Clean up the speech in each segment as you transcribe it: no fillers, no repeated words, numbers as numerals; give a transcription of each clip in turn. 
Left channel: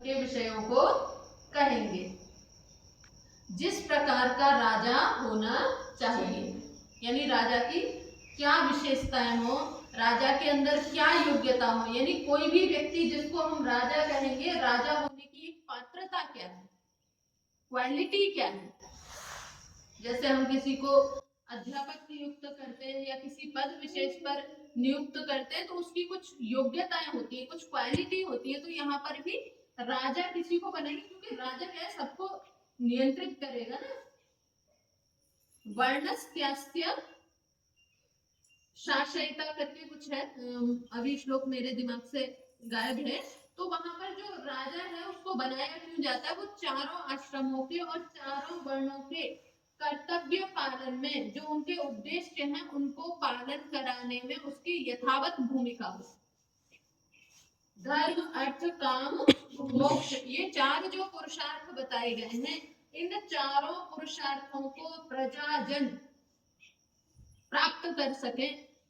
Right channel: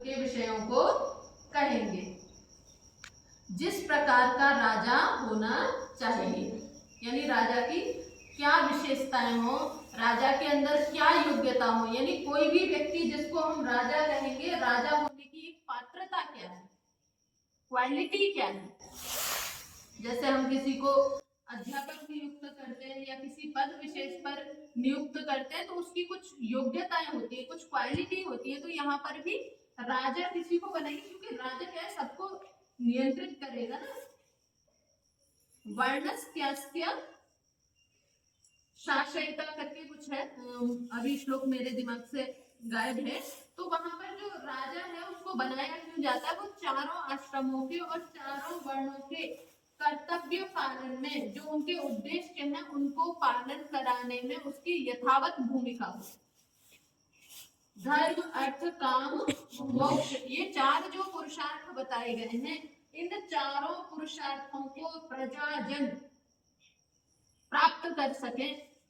के विषयों को कहेंगे। जिस प्रकार का राजा होना चाहिए, यानी राजा की क्या विशेषताएं हो, राजा के अंदर क्या योग्यता हो, यानी कोई भी व्यक्ति जिसको हम राजा कहेंगे, राजा होने की एक पात्रता क्या है, क्वालिटी क्या है। जैसे हम किसी को अध्यापक नियुक्त करते हैं या किसी पद विशेष पर नियुक्त करते हैं तो उसकी कुछ योग्यताएं होती है, कुछ क्वालिटी होती है। तो यहाँ पर भी राजा किसी को बनाएंगे, क्योंकि राजा क्या है, सबको नियंत्रित करेगा ना। वर्णस्त्यास्य शासयिता करके कुछ है, अभी श्लोक मेरे दिमाग से गायब है। तो वहां पर जो राजा है उसको बनाया क्यों जाता है, वो चारों आश्रमों के और चारों वर्णों के कर्तव्य पालन में, जो उनके उद्देश्य हैं उनको पालन कराने में उसकी यथावत भूमिका हो। धर्म अर्थ काम मोक्ष, ये चार जो पुरुषार्थ बताए गए हैं, इन चारों पुरुषार्थों को प्रजाजन प्राप्त कर सके,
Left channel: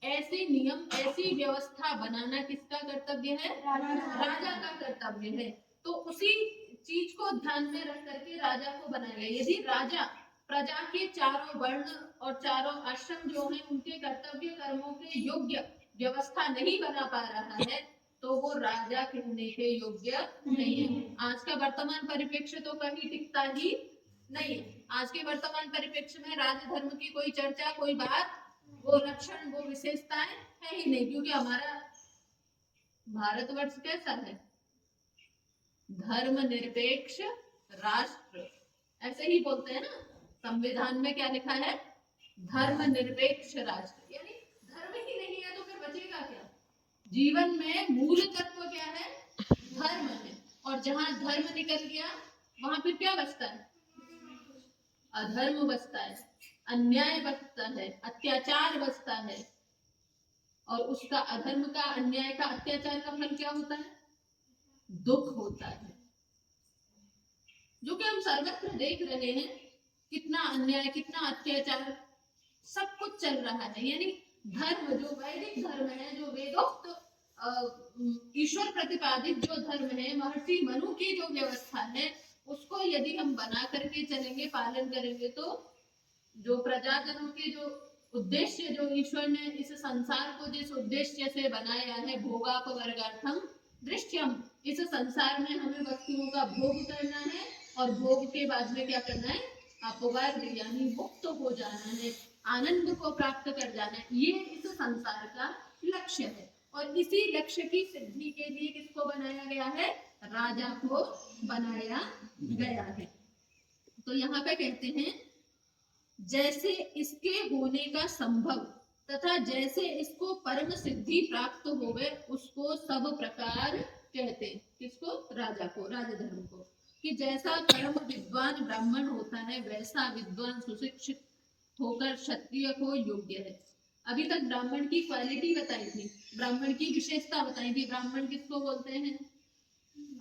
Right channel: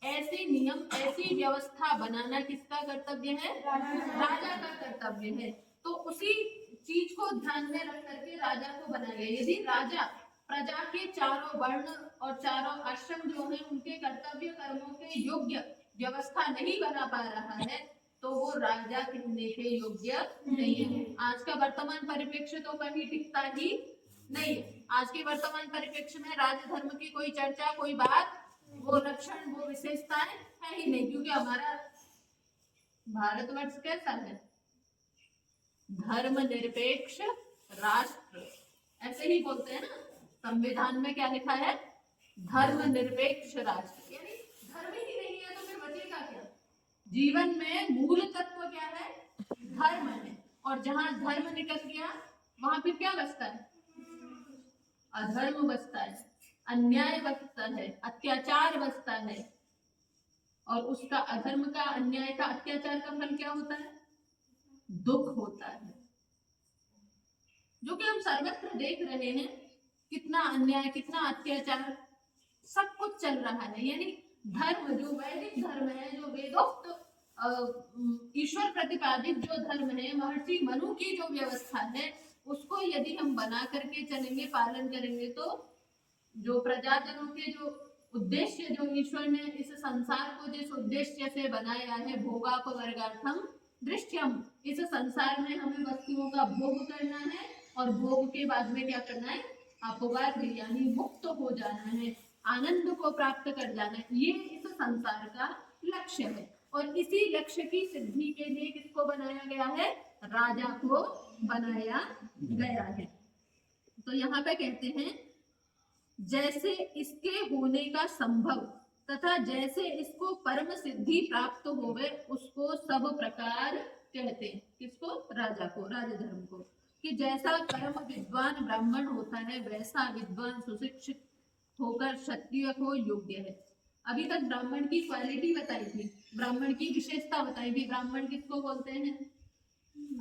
ऐसे नियम ऐसी व्यवस्था बनाना किसका कर्तव्य है, राजा का कर्तव्य है। तो उसी चीज को ध्यान में रख करके राजा को बनाया गया। यदि राजा प्रजा के चारों वर्ण और चारों आश्रम जो है उनके कर्तव्य कर्मों के योग्य व्यवस्था नहीं बना पा रहा है तो वो राजा कहने के योग्य नहीं है। आज का वर्तमान परिप्रेक्ष्य तो कहीं टिकता ही नहीं है। आज के वर्तमान परिप्रेक्ष्य में राजधर्म की कोई चर्चा, कोई बात, वो लक्षण, वो विशेषताएं है ही नहीं, क्योंकि हमारा भारतवर्ष कैसा है, धर्मनिरपेक्ष राष्ट्र, ऐसे ही बोलते हैं ना। संविधान में क्या लिखा है, धर्मनिरपेक्ष राष्ट्र, यानी धर्म ही नहीं है तो फिर बचेगा क्या। जीवन में मूल तत्व क्या है, धर्म है, और जहां धर्म निकल गया वहां फिर क्या बचता है, अधर्म बचता है, अन्याय बचता है, अत्याचार बचता है। और उसका अधर्म का, अन्याय का, अत्याचार का फल क्या होता है, दुख होता है, जो कि हम सर्वत्र देख रहे हैं। कितना अन्याय, कितना अत्याचार, सब कुछ चल रहा है। यानी धर्म, जो वैदिक धर्म है, जो वेदोक्त ईश्वर प्रतिपादित जो धर्म है, महर्षि मनु की जो व्यवस्था है, उसको यदि हम बना करके चलेंगे, पालन करेंगे, तो जो प्रजाजनों के जो उद्देश्य, जो ईश्वर ने इस संसार को जिस उद्देश्य से बनाया है, भोगापवर्गार्थम दृश्यम, इस संसार में हमें वस्तुओं का भोग करना है और भोग के बाद में क्या करना है, अपवर्ग यानी मुक्त हो जाना है, आनंद को प्राप्त कर जाना है। ये इस संसार का लक्ष्य है। और इसी लक्ष्य की सिद्धि के लिए किसको बनाया गया है, राजा को बनाया गया है। तो यहाँ पे कहते हैं, जैसे इसके होने का संभव तथा जैसे इसको परम सिद्धि प्राप्त होवे, उसको सब प्रकार कहते हैं। किसको, राजा को, राजधर्म को। कि जैसा परम विद्वान ब्राह्मण होता है, वैसा विद्वान सुशिक्षित होकर क्षत्रिय को योग्य है। अभी तक ब्राह्मण की क्वालिटी बताई थी, ब्राह्मण की विशेषता बताई थी। ब्राह्मण किसको बोलते हैं,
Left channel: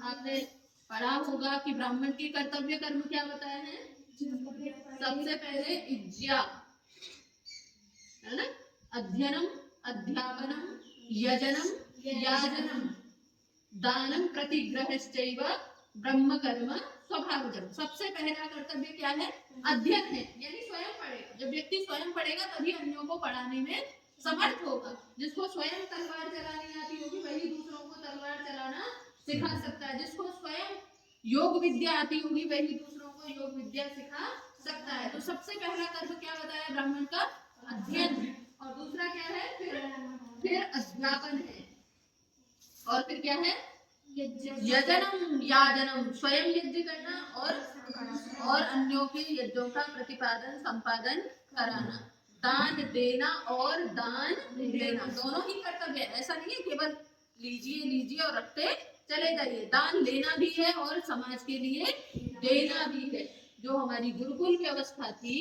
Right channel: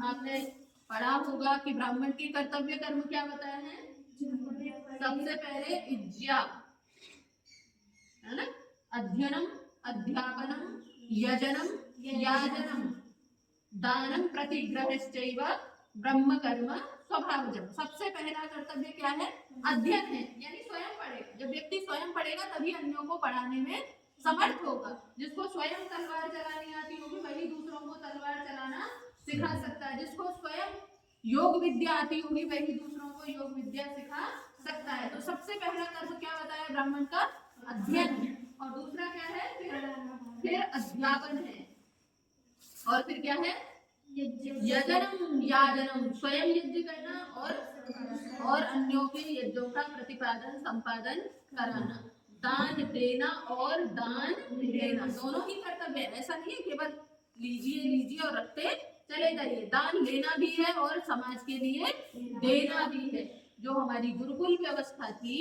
आपने पढ़ा होगा कि ब्राह्मण के कर्तव्य कर्म क्या बताए हैं। सबसे पहले इज्या, है ना, अध्ययनम, अध्यापनम, यजनम, याजनम, दानम, प्रतिग्रहश्चैव ब्रह्म कर्म स्वभावजम। सबसे पहला कर्तव्य क्या है, अध्ययन है, यानी स्वयं पढ़ेगा। जब व्यक्ति स्वयं पढ़ेगा तभी अन्यों को पढ़ाने में समर्थ होगा। जिसको स्वयं तलवार चलानी आती होगी वही दूसरों को तलवार चलाना सिखा सकता है। जिसको स्वयं योग विद्या आती होगी वही दूसरों को योग विद्या सिखा सकता है। तो सबसे पहला कर्म क्या बताया ब्राह्मण का, अध्ययन। और दूसरा क्या है, फिर अध्यापन है, और फिर क्या है, यजनम, याजनम, स्वयं यज्ञ करना और अन्यों के यज्ञों का प्रतिपादन संपादन कराना, दान देना और दान लेना, दोनों ही कर्तव्य है। ऐसा नहीं है केवल लीजिए लीजिए और रखते चले जाइए, दान लेना भी है और समाज के लिए देना भी है। जो हमारी गुरुकुल व्यवस्था थी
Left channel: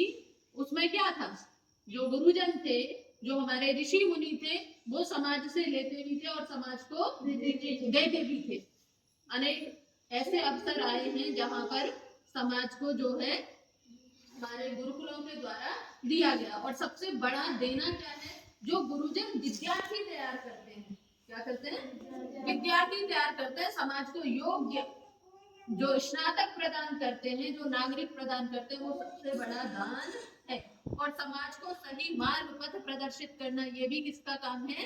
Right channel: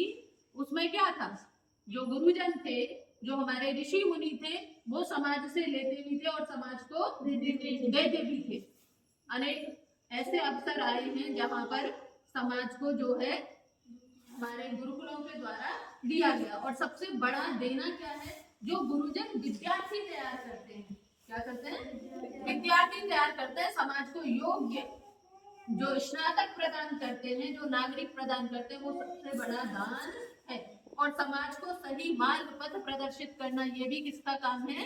उसमें क्या था, जो गुरुजन थे, जो हमारे ऋषि मुनि थे, वो समाज से लेते भी थे और समाज को देते भी थे। अनेक ऐसे अवसर आए हैं जहां पर समाज को जो है हमारे गुरुकुलों के द्वारा दिया गया। और सबसे बड़ा देना क्या है, जो गुरुजन विद्यार्थी तैयार करते हैं, क्या करते हैं, विद्यार्थी तैयार करते हैं, समाज को योग्य जो स्नातक प्रदान करते हैं, जो नागरिक प्रदान करते हैं, वो सबसे बड़ा दान है। और समाज को सही मार्ग पथ प्रदर्शित करना ये भी किसका काम है?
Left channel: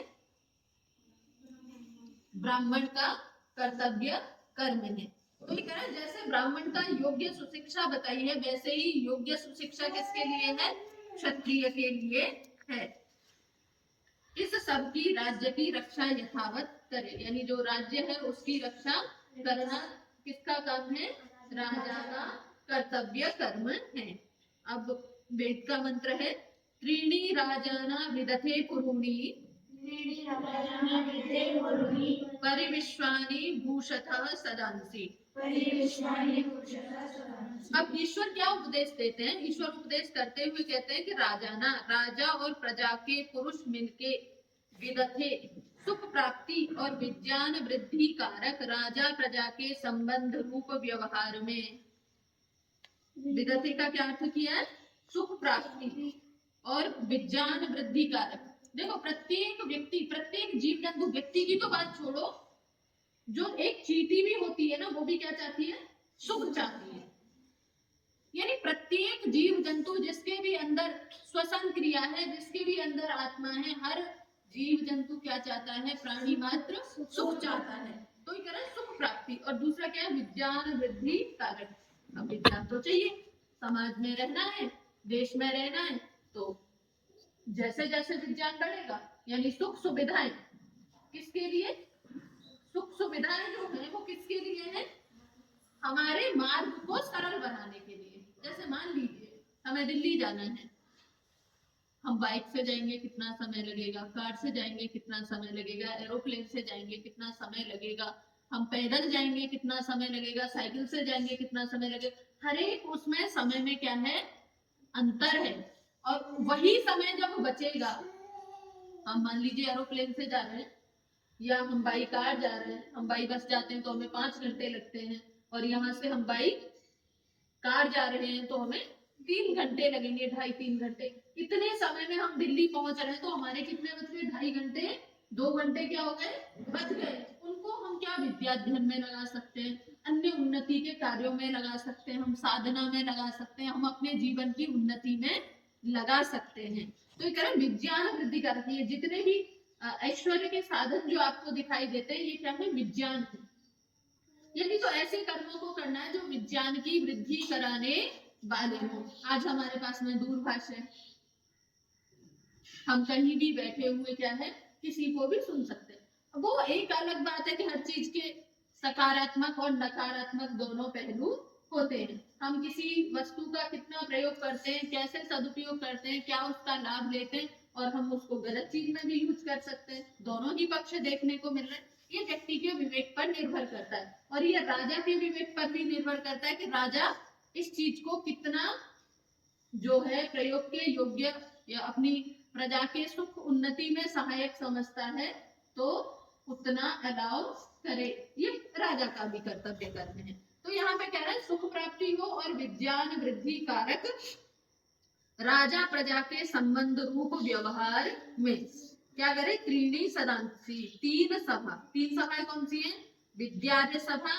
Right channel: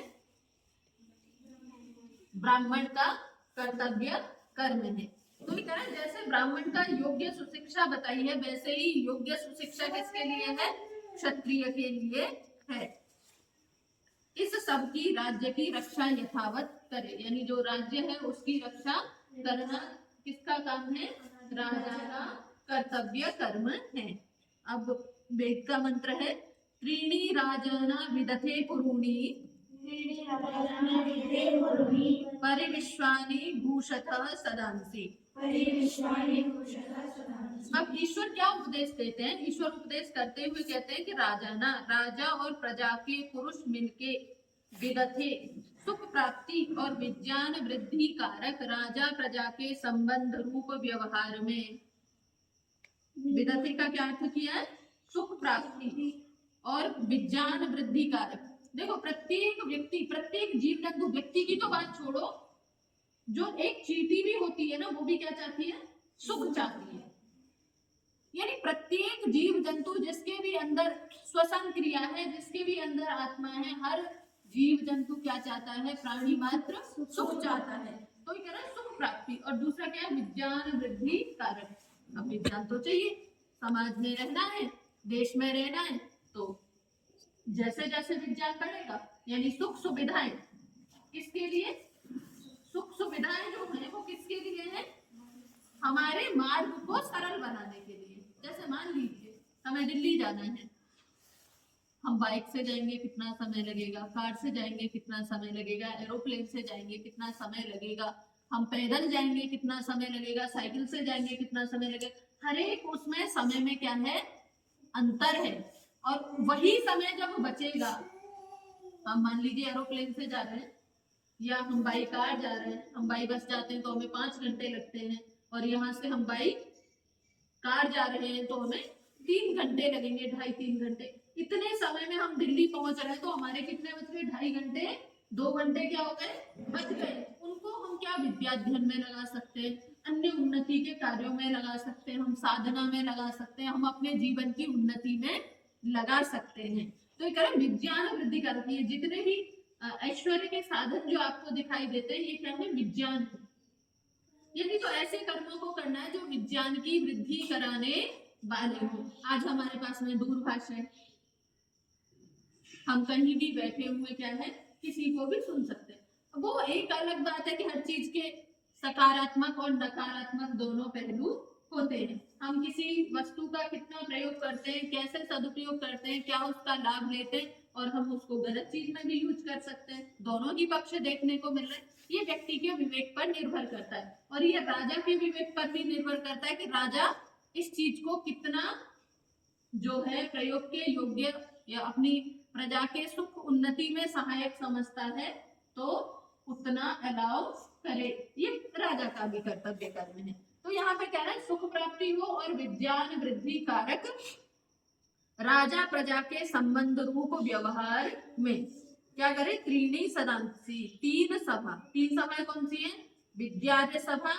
ब्राह्मण का कर्तव्य कर्म है। तो ये कह रहा है जैसे ब्राह्मण का योग्य सुशिक्षा बताई है, वैसे ही योग्य सुशिक्षा किसके लिए है? क्षत्रिय के लिए है। इस सब की राज्य की रक्षा यथावत करे, यानी जो राज्य है उसकी रक्षा करना किसका काम है? राजा का कर्तव्य कर्म है। अब वेद का मंत्र है, त्रीणी राजाना विदथे पुरूणी परिविश्वानि भूषतः सदांसि। अब ईश्वर क्या उपदेश देते हैं? ईश्वर उपदेश करते हुए कहते हैं कि राजाना, राजा और प्रजा के पुरुष मिलके विदथे सुख प्राप्ति और विज्ञान वृद्धि कारक राजा प्रजा के संबंध रूप व्यवहार में, विदथे का क्या अर्थ किया है? सुख प्राप्ति और विज्ञान वृद्धि कारक। देखो प्रत्येक व्यक्ति, प्रत्येक जीव जंतु, व्यक्ति की तो बात छोड़ो, जो एक चींटी भी होती है ना, वो भी क्या चाहती है? सुख चाहती है। यानी प्रत्येक जीव जंतु जिसके भी अंदर श्वसन क्रिया है, जिसके भी अंदर आत्मा है, हर जीव जंतु क्या चाहता है? प्राणी मात्र सुख चाहता है। तो ये कह रहा है सुख प्राप्ति, और दूसरा क्या है? विज्ञान वृद्धि कारक। अब विज्ञान तो चाहिए, समाज में रहना है, देश में रहना है, तो जैसे जैसे विज्ञान बढ़ेगा, यानी सुख सुविधाएं किसके लिए? सुख सुविधाएं जो है वो किसके लिए है? हमारे मार्ग को सरल बनाने के लिए। जैसे मान लीजिए हमें दिल्ली जाना है, हम बाइक से जाएंगे कितना समय लगेगा, कार से जाएंगे कितना समय लगेगा, एरोप्लेन से जाएंगे कितना समय लगेगा, हम पैदल जाएंगे कितना समय लगेगा, साइकिल से जाएंगे कितना समय लगेगा। हर एक उसमें समय में क्या है? अंतर है। और वही समय जब बचेगा, हम मान लीजिए एरोप्लेन से जा रहे हैं या हम बाई कार जा रहे हैं, हम बाई बस जाते हैं तो हमें 5 घंटे लगते हैं, और यहाँ से हम बाई कार जा रहे हैं तो हमें 3 घंटे लगेंगे, 2.5-3 घंटे। इतने समय में हम दिल्ली पहुंच रहे हैं, तो हमारे कितने बच गए? 2.5 घंटे, 2 घंटे क्या हो गए? बच गए। उनको हम क्या विद्या अध्ययन में लगा सकते हैं, अन्य उन्नति के कार्यों में लगा सकते हैं, हम साधना में लगा सकते हैं, हम अपने जीवन की उन्नति में लगा सकते हैं। तो ये कह रहे विज्ञान वृद्धि करती है। जितने भी ऐश्वर्य के साधन जो आपको दिखाई देते हैं, ये क्या है? विज्ञान। यानी तो ऐसे कर्मों को करना है जो विज्ञान की वृद्धि कराने वाले हो। आज हमारे पास में दूरभाष है, हम कहीं भी बैठे हुए क्या है? किसी को भी सुन सकते हैं। वो एक अलग बात है कि हर चीज के सकारात्मक और नकारात्मक दोनों पहलू होते हैं। हम किसी वस्तु का कितना प्रयोग करते हैं, कैसे सदुपयोग करते हैं, क्या उसका लाभ लेते हैं, और हम उसको गलत चीज में भी यूज कर सकते हैं। दोनों ही पक्ष देखने को मिल रहे हैं। ये व्यक्ति के विवेक पर निर्भर करता है, और ये राजा के विवेक पर भी निर्भर करता है कि राजा इस चीज को कितना जो है प्रयोग के योग्य या अपनी प्रजा के सुख उन्नति में सहायक समझता है, तो उतना अलाउ करे। ये राजा का भी कर्तव्य कर्म है। तो यहाँ पे कह रहा है सुख प्राप्ति हो और विज्ञान वृद्धि कारक राजा प्रजा के संबंध रूप व्यवहार में क्या करे? त्रीणी सदांसी, 3 सभा। 3 सभा कौन सी है? विद्यार्य सभा,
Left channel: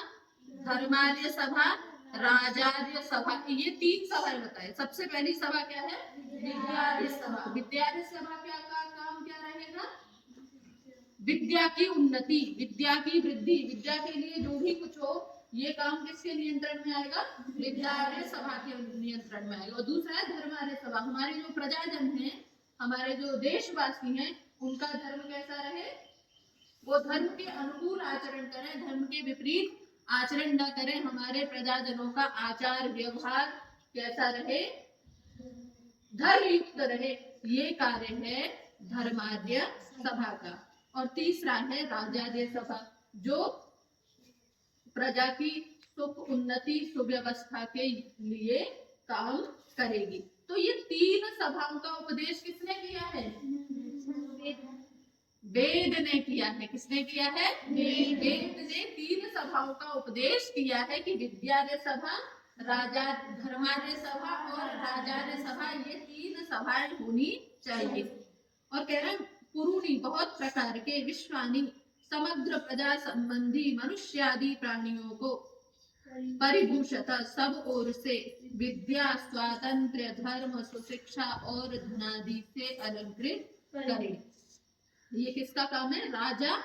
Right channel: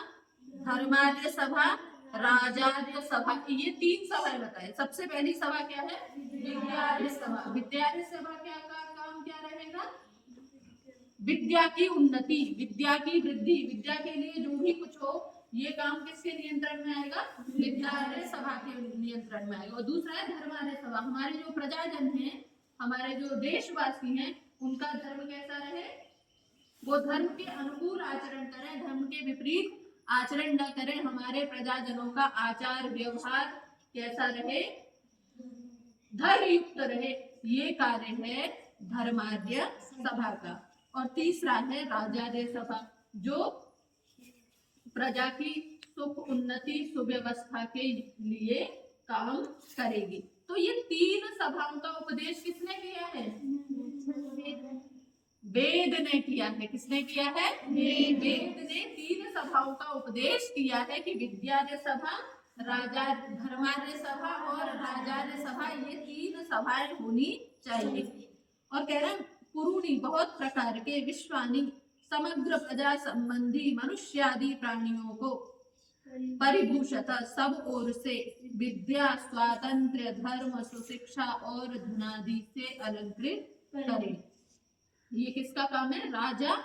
धर्मार्य सभा, राजार्य सभा। ये 3 सभाएं बताए। सबसे पहली सभा क्या है? विद्यार्य सभा। विद्यार्य सभा का काम क्या रहेगा? विद्या की उन्नति, विद्या की वृद्धि, विद्या के लिए जो भी कुछ हो, ये काम किसके नियंत्रण में आएगा? विद्यार्य सभा के नियंत्रण में आएगा। और दूसरा है धर्मार्य सभा। हमारे जो प्रजाजन हैं, हमारे जो देशवासी हैं, उनका धर्म कैसा रहे? वो धर्म के अनुकूल आचरण करें, धर्म के विपरीत आचरण न करें। हमारे प्रजाजनों का आचार व्यवहार कैसा रहे? धर्म युक्त रहे। ये कार्य है धर्मार्य सभा का। और तीसरा है राजार्य सभा, जो प्रजा की सुख उन्नति सुव्यवस्था के लिए काम करेगी। तो ये 3 सभाओं का उपदेश किसने किया है? वेद ने किया है। किसने किया है? वेद ने 3 सभाओं का उपदेश किया है कि विद्यार्य सभा, राजा धर्मार्य सभा और राजार्य सभा, ये 3 सभाएं होनी चाहिए। और कह रहे हैं पुरूणी, बहुत प्रकार के, विश्वानी, समग्र प्रजा संबंधी मनुष्य आदि प्राणियों को परिभूषत सब ओर से विद्या स्वातंत्र्य धर्म सुशिक्षा और धनादि से अलंकृत करे। ये किसका काम है? राजा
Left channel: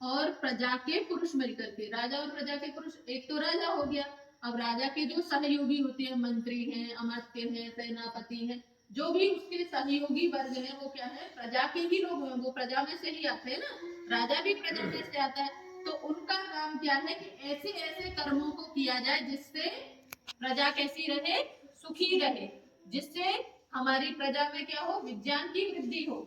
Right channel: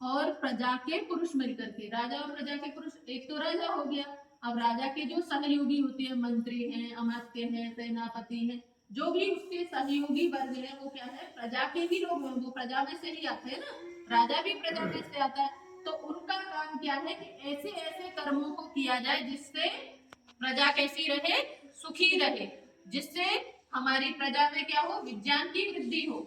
और प्रजा के पुरुष मिलकर के। राजा और प्रजा के पुरुष, एक तो राजा हो गया, अब राजा के जो सहयोगी होते हैं, मंत्री हैं, अमात्य हैं, सेनापति हैं, जो भी उसके सहयोगी वर्ग हैं, वो क्या है? प्रजा के ही लोग हैं, वो प्रजा में से ही आते हैं ना, राजा भी प्रजा में से आता है। तो उनका काम क्या है कि ऐसे ऐसे कर्मों को किया जाए जिससे प्रजा कैसी रहे? सुखी रहे, जिससे हमारी प्रजा में क्या हो? विज्ञान की वृद्धि हो।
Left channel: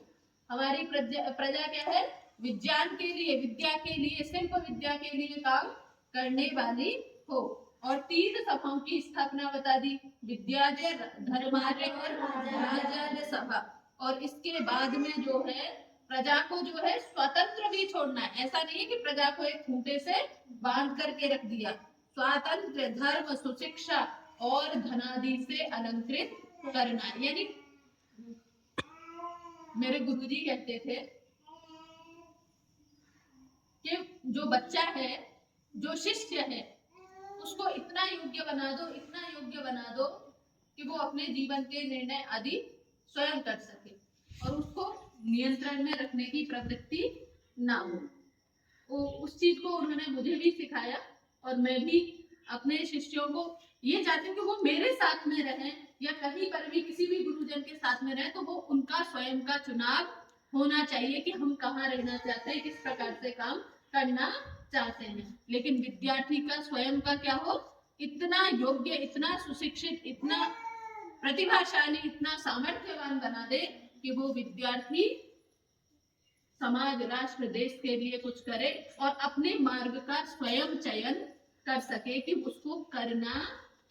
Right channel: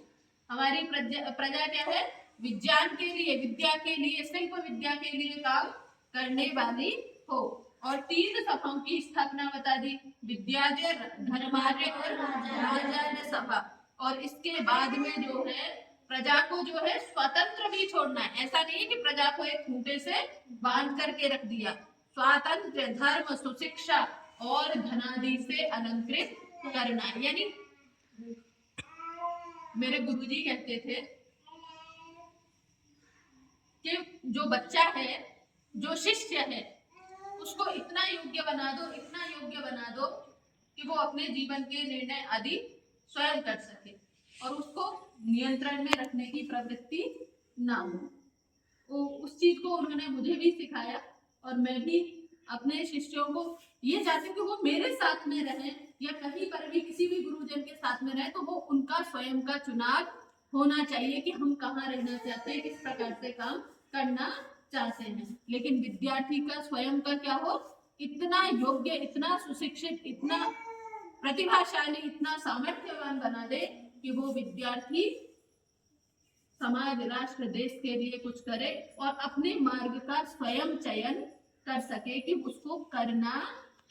हमारी प्रजा क्या है? विज्ञान के लिए, विद्या के लिए, शिल्प विद्या के लिए काम करने वाली हो। और 3 सभाओं की स्थापना बता दी, विद्यालय, धर्मालय और राजालय सभा। और इसके बाद में जो है प्रजा को जो है स्वतंत्र भी छोड़ना है। ऐसा नहीं है कि प्रजा को एक खूंटे से बांध करके रख दिया। स्वातंत्र, धर्म, सुशिक्षा और धनादि से अलंकृत करना है। यानी मेरे गुरुजी कहते थे कि जो बच्चा है, जो शिष्य है, उसको इतना योग्य बना दो, इतना योग्य बना दो कि वो अपने जीवन के निर्णय आदि स्वयं कर सके और उसको नियंत्रण में रखने की प्रवृत्ति ना हो। उस चीज को उन्होंने मुझे भी सिखाया और मैं भी अपने शिष्यों को ये चाहती हूँ कि वो मेरे साथ में रहें या कहीं पर भी किसी भी गुरुजन के साथ में रहे, तो वो उनका स्वयं का चुनाव होना चाहिए कि हम कहाँ रहना चाहते हैं, किस प्रकार से काम करना चाहते हैं। लेकिन विद्यार्थी का स्वयं का क्या हो? इतना योग्य, इतना सुशिक्षित, इतना प्रतिभाशाली, इतना सामर्थ्यवान बना दे कि वो विद्यार्थी समाज, राष्ट्र, देश के लिए कुछ करे और अपने मार्ग का स्वयं चयन कर सके कि उसको करना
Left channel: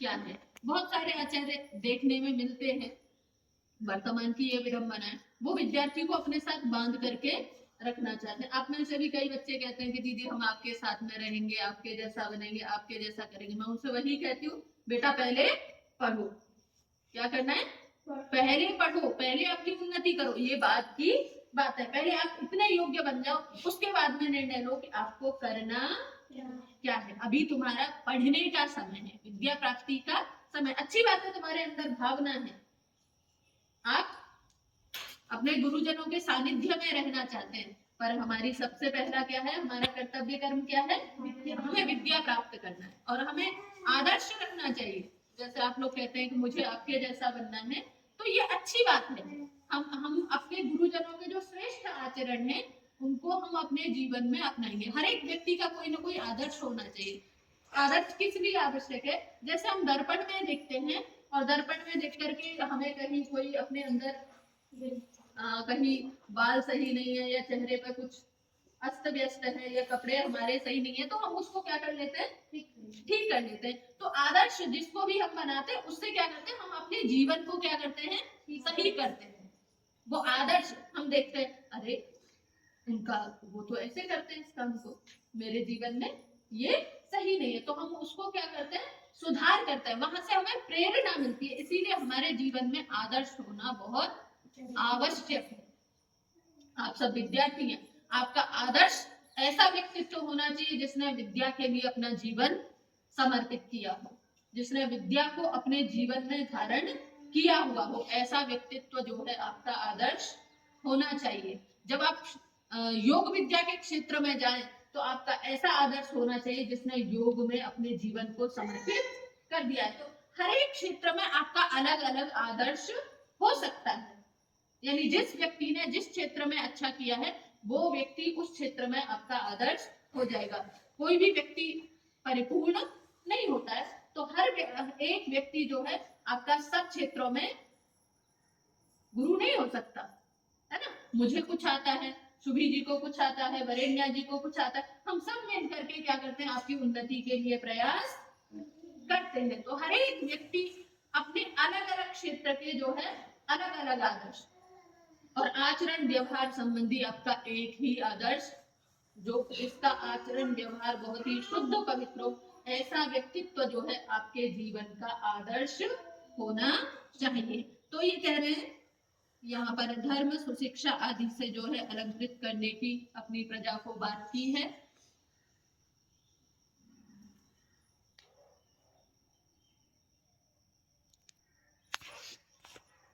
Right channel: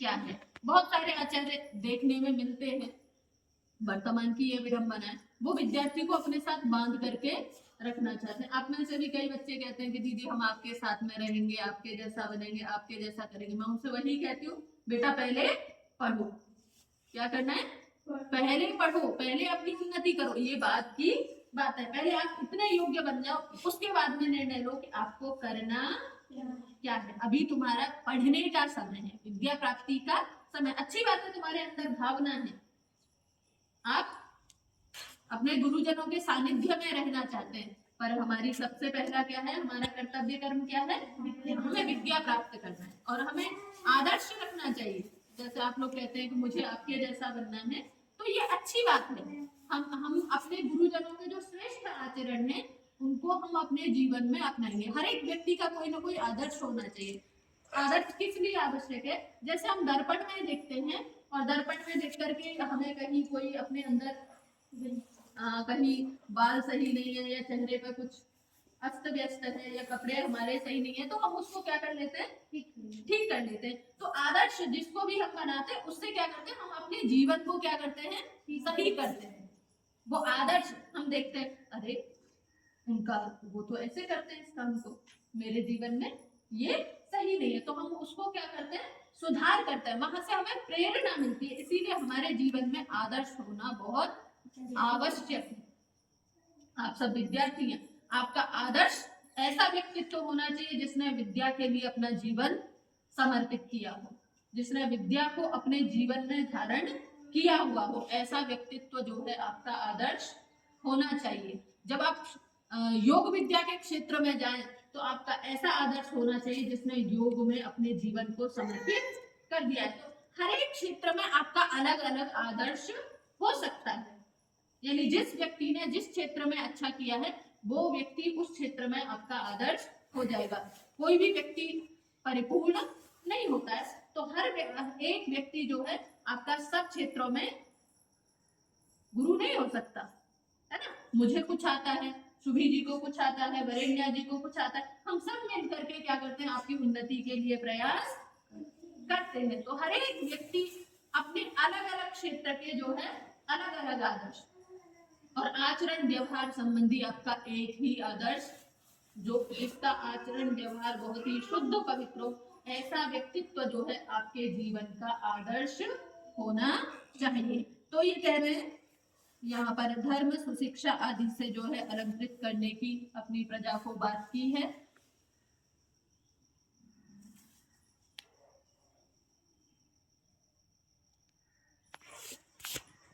क्या है। बहुत सारे आचार्य देखने में मिलते हैं, वर्तमान की ये विडंबना है, वो विद्यार्थी को अपने साथ बांध करके रखना चाहते हैं। आप में से भी कई बच्चे कहते हैं कि दीदी हम आपके साथ में रहेंगे, आपके जैसा बनेंगे, आपके जैसा करेंगे। मैं उनसे वही कहती हूँ, बेटा पहले पढ़ो। क्या करना है? पहले पढ़ो, पहले अपनी उन्नति करो, ये बात की बात है। पहले आप इतने योग्य बन जाओ, उसके बाद में निर्णय लो कि आपको करना क्या है। अभी तुम्हारा पढ़ने का समय है, विद्या प्राप्ति का समय। अच्छी बात है, तुम्हारे अंदर भावना है, आप अपने गुरुजनों के सानिध्य में रहना चाहते हैं, पर हमारी सबसे पहला क्या है? हमारा कर्तव्य कर्म क्या है? हमें विद्या प्राप्त करना है और हमें आदर्श रखना चाहिए। जैसे आप लोग कहते हैं कि मुझे आपके जैसा बनना है, तो ये अच्छी बात है। हम अपने गुरुजनों के जो श्रेष्ठ आचरण है उनको हम अपने जीवन में अपनाएंगे। हर एक व्यक्ति का कोई ना कोई आदर्श होना चाहिए। आदर्श किस लिए आवश्यक है? जैसे हम दर्पण में देखते हैं और दर्पण में देख करके हमें कहीं कोई अपने अंदर कहीं बाल सही नहीं है या चेहरे पे कुछ अस्त व्यस्त है या कपड़े हमारे सही नहीं है, तो हम उसको क्या कर लेते हैं? ठीक कर लेते हैं। तो आदर्श जिसको भी हम बनाते हैं उससे क्या करते हैं? हम अपने जीवन को क्या करते हैं? सही करते हैं। वो आदर्श हम देखते हैं, अरे उनका वो तो ऐसे करते हैं इस काम को, मेरे जीवन में ये सही नहीं है, तो हम उसको क्या करते हैं? सुधार करते हैं। वहां से हमें प्रेरणा मिलती है। इसीलिए हमारे जीवन में आदर्श होना बहुत आवश्यक है। आप सब विद्यार्थी हैं, आपका आदर्श ऐसा व्यक्तित्व होना चाहिए जिसने विद्या के लिए अपना जीवन समर्पित किया हो, जिसने विद्या को अपने जीवन में धारण किया हुआ हो। ऐसा व्यक्तित्व जो है आपका आदर्श होना चाहिए। जब आप योग विद्या के क्षेत्र में जाएं तो आपका ऐसा आदर्श होना चाहिए जिसने योग में अपने जीवन को समर्पित कर दिया है। तो हर एक क्षेत्र में आपका अलग अलग आदर्श हो सकता है। यानी जिस व्यक्ति ने जिस क्षेत्र में अच्छा किया है वो व्यक्ति उस क्षेत्र में आपका आदर्श हो जाएगा। कोई भी व्यक्ति परिपूर्ण नहीं होता है, तो हर एक व्यक्ति जो है आपका सब क्षेत्रों में गुरु नहीं हो सकता है ना। मुझे कुछ आता है, सुभी जी को कुछ आता है, वरेण्या जी को कुछ आता है, हम सब मिल करके क्या करते हैं? आपकी उन्नति के लिए प्रयास करते हैं। तो हर एक व्यक्ति अपने अलग अलग क्षेत्र के जो है अलग अलग आदर्श और आचरण व्यवहार संबंधी आपका एक ही आदर्श, जो जिसका आचरण व्यवहार बहुत ही शुद्ध पवित्र हो, ऐसा व्यक्तित्व जो है आपके जीवन का आदर्श होना चाहिए। तो ये कह रहे हैं यहाँ पर धर्म सुशिक्षा आदि से जो है अलंकृत करने की अपनी प्रजा को बात की है।